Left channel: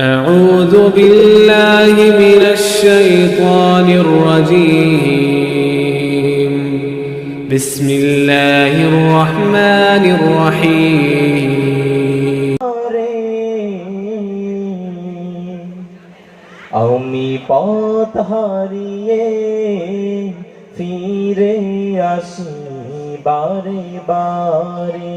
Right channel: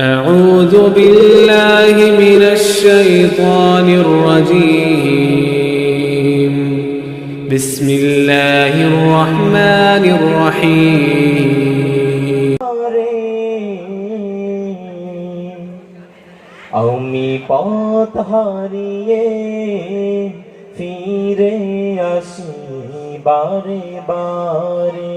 أعوذ بالله من الشيطان الرجيم بسم الله الرحمن الرحيم আমি পথ হারিয়ে ফিরে আসি বারে বারে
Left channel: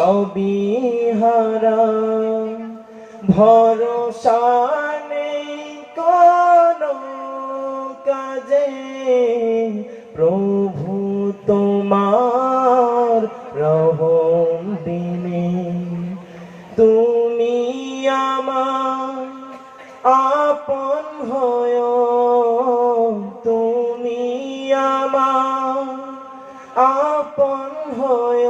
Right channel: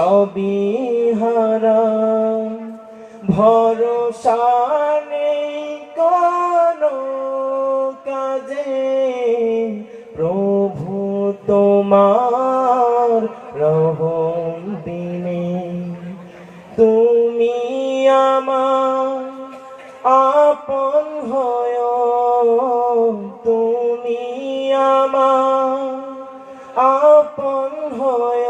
সবই হারা। ভরসা নেই কোনো কাজে। প্রভু তোমার রহম দিনে। তুমি আমার আপন হয়। তুমি আমার আপন হয়।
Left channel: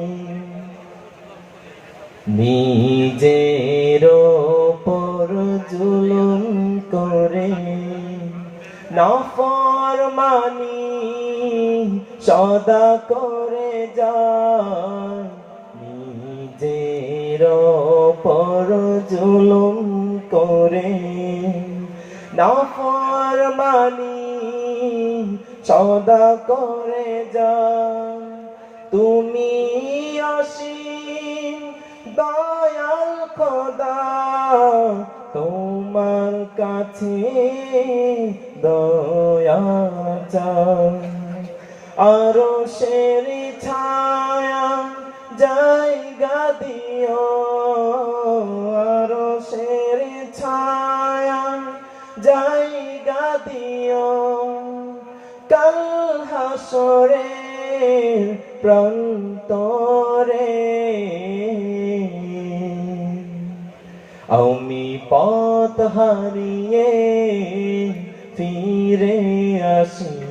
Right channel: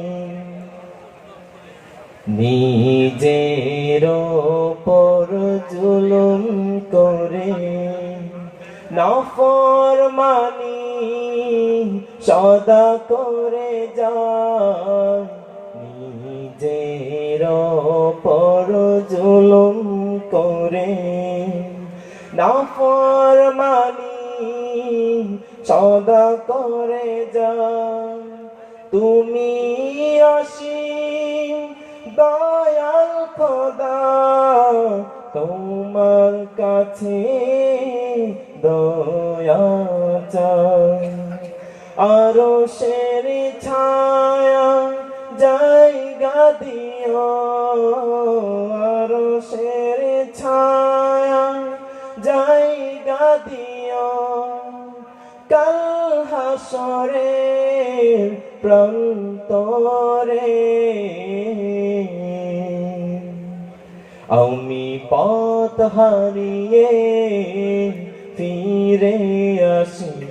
নিজের ওপর জুলুম করে নফর মানি সদা করে যায়। নিজের ওপর জুলুম করে নফর মানি সদা করে যায়। তুমি শেরি ছায়া জায়গা দিও শেরি ছায়া জায়গা দিও। কাল হাসরে, প্রান্তরে আমি পথ হারিয়ে ফিরে আসি।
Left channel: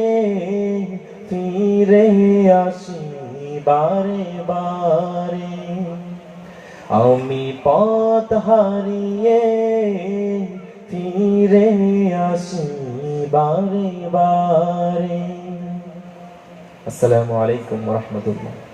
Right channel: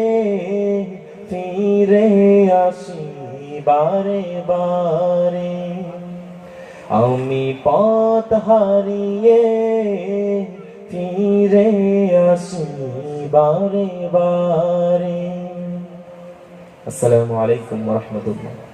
বারে বারে আমি পথ হারিয়ে ফিরে আসি বারে বারে। আসসালামু আলাইকুম রহমতুল্লাহ।